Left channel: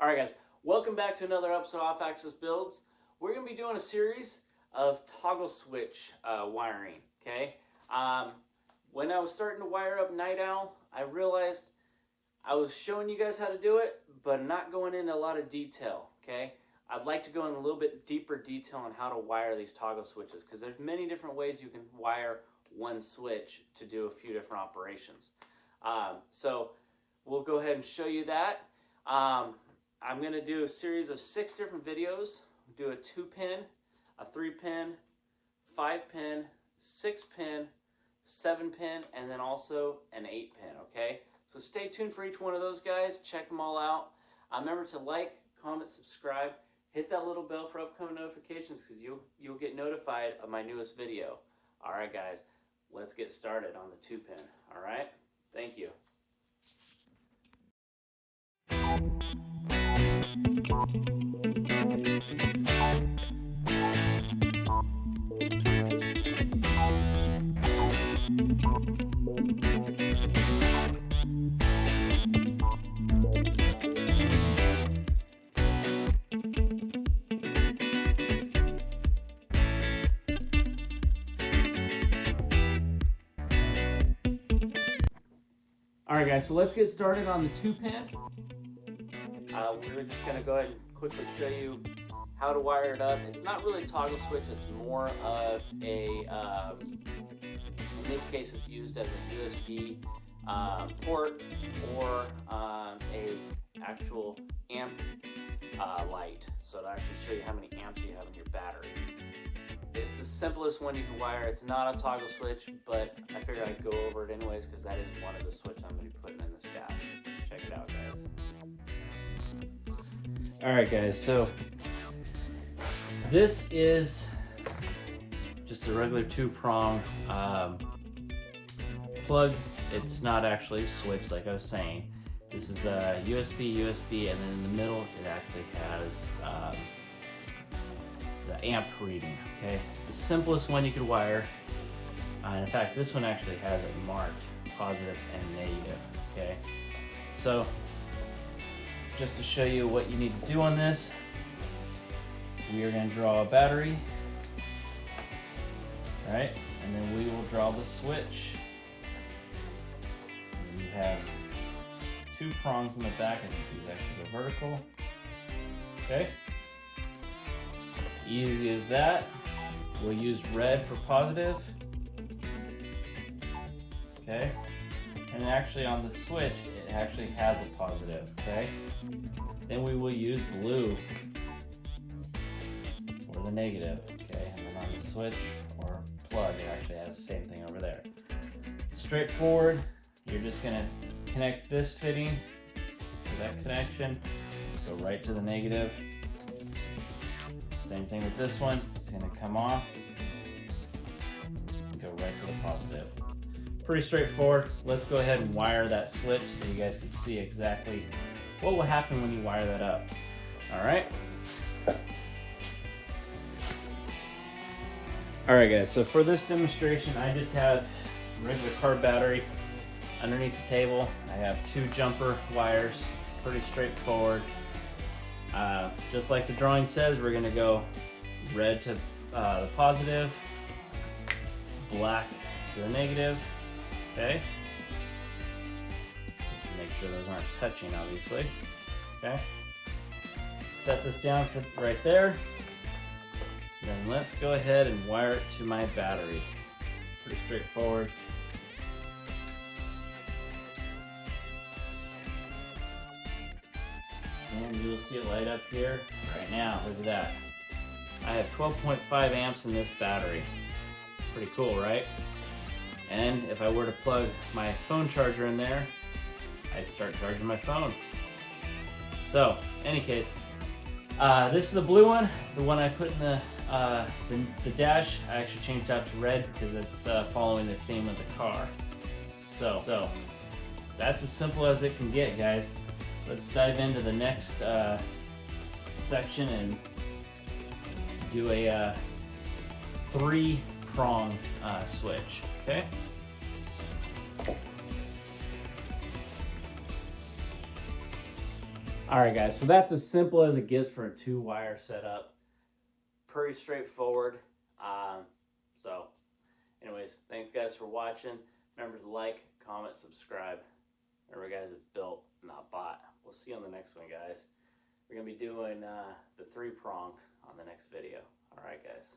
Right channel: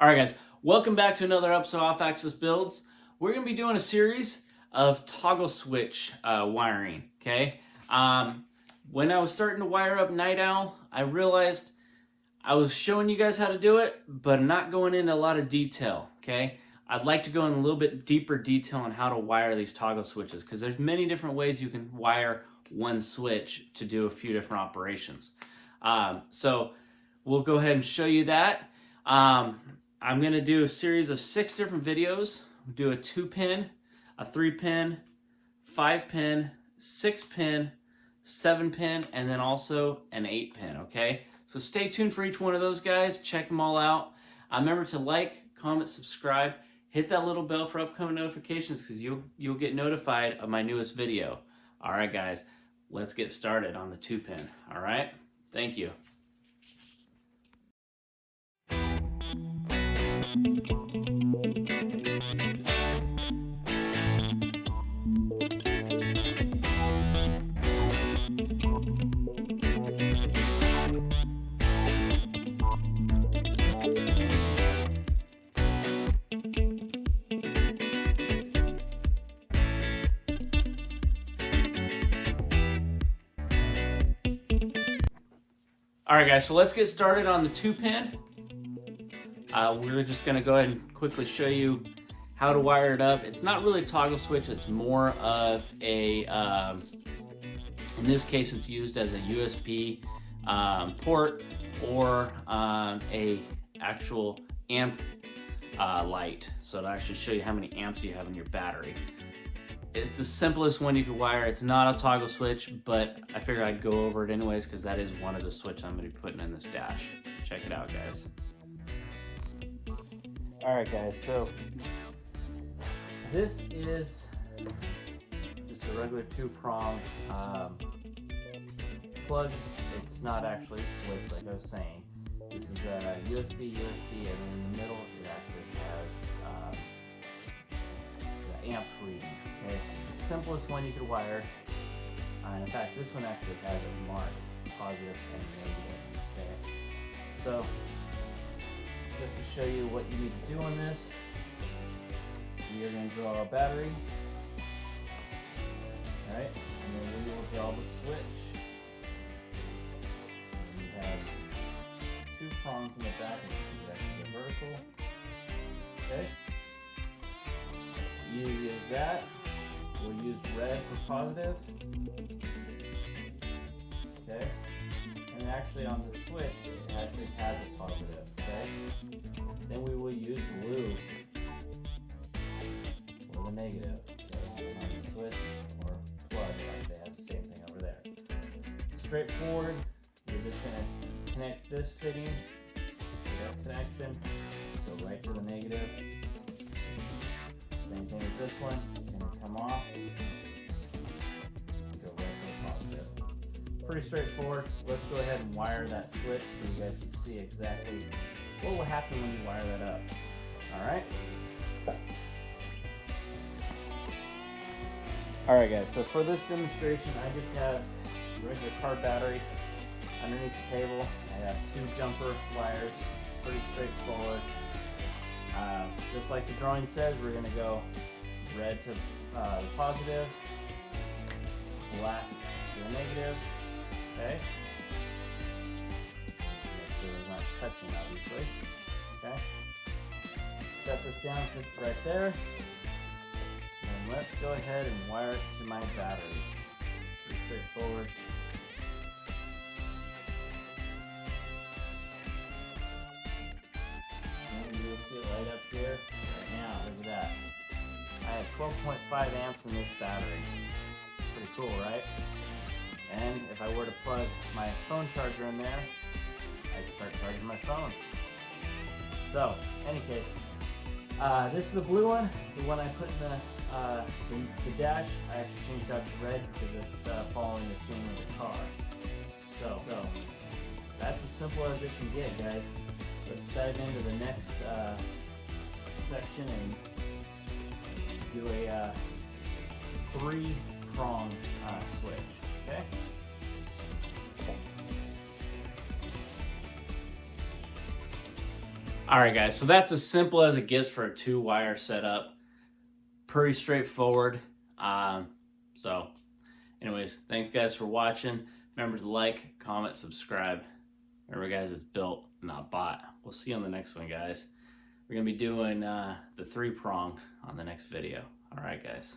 Alright guys, welcome back to another episode of Off-Axis Builds. We're going to be doing a series of toggle switch wiring, okay? When I was starting to wire up Night Owl, I realized I was showing you guys how to do it, but not going into a lot of detail, okay? I'd like to go in a little bit deeper detail on how to wire these toggle switches, because there's many different ways you can wire one switch to do a few different operations. So we'll go ahead and show you that. I'm going to do a series of 6 different videos. We'll do a 2-pin, a 3-pin, 5-pin, 6-pin, 7-pin, and then also an 8-pin, okay? So stay tuned for each one of those guys. Check them all out. Remember to like, comment, subscribe. Hit that little bell for upcoming notifications because you'll get notified of my newest video. All right, guys, let's get started on the 2-pin, all right? Thank you. Alright guys, so let's get started on the 2-pin. We're just going to go ahead and quickly show you how to wire it up. It's not really a toggle switch, it's more of a, in this case it's used as a USB port or a actual amp light. So it'll actually show you how many amps you have in your battery. It's the simplest one you can wire. It's not a toggle switch, but I figured I'd go over it anyways because that is one of the switches I'm going to be putting in this dash. Check it out, guys. Alright guys, so this is just a regular 2-prong plug. It's not actually a switch like I was saying. This is a USB, and then in the middle it actually has the amp reading. Okay, it's the simplest one you could wire. And in fact, this one actually has it marked positive and negative. Okay, so just to show you what you need to do on this, we are going to draw a battery. All right, and then we will draw the switch. And you have 2 prongs in the back, and you actually go vertical. Okay, easy as that. We'll use red for positive. Okay, and actually on the switch, it actually has a positive. Okay, then we will use blue for the negative. Okay, and on the switch or plug, it actually has the same thing over there. Straightforward. You're just gonna connect this fitting to that connection. Go right to the negative. Same thing with this one. It's going to come off and go right to the positive. Pretty straightforward. Let's go ahead and wire that switch so you guys can see exactly what will happen when you wire that up. Alright? Alright guys, so for this demonstration I just have a regular car battery underneath the table. I have 2 jumper wires. Pretty straightforward. Just like the drawing says, we're going to go red to the positive, black to the negative, okay? Just make sure those aren't touching, obviously, okay? Set this down for right there, then let's go ahead and wire it to my battery. Pretty straightforward. And you'll see it light up here right now. Look at that. I have 12.5 amps in this battery. Pretty cool, right? And if I were to plug my phone charger in there, I'd start charging my phone. So, in any case, this is the blue one. The one I put in the dash, I actually changed out to red because it's following the theme of the car. So that's as simple as it can get, guys. Let's dive into the next section and do a 3-prong switch, okay? All right, guys, so that's as simple as it gets for a 2-wire setup. Pretty straightforward. So anyways, thanks guys for watching. Remember to like, comment, subscribe. Remember guys, it's built, not bought. We'll see you on the next one, guys. We're gonna be doing the 3-prong on the next video. All right, guys.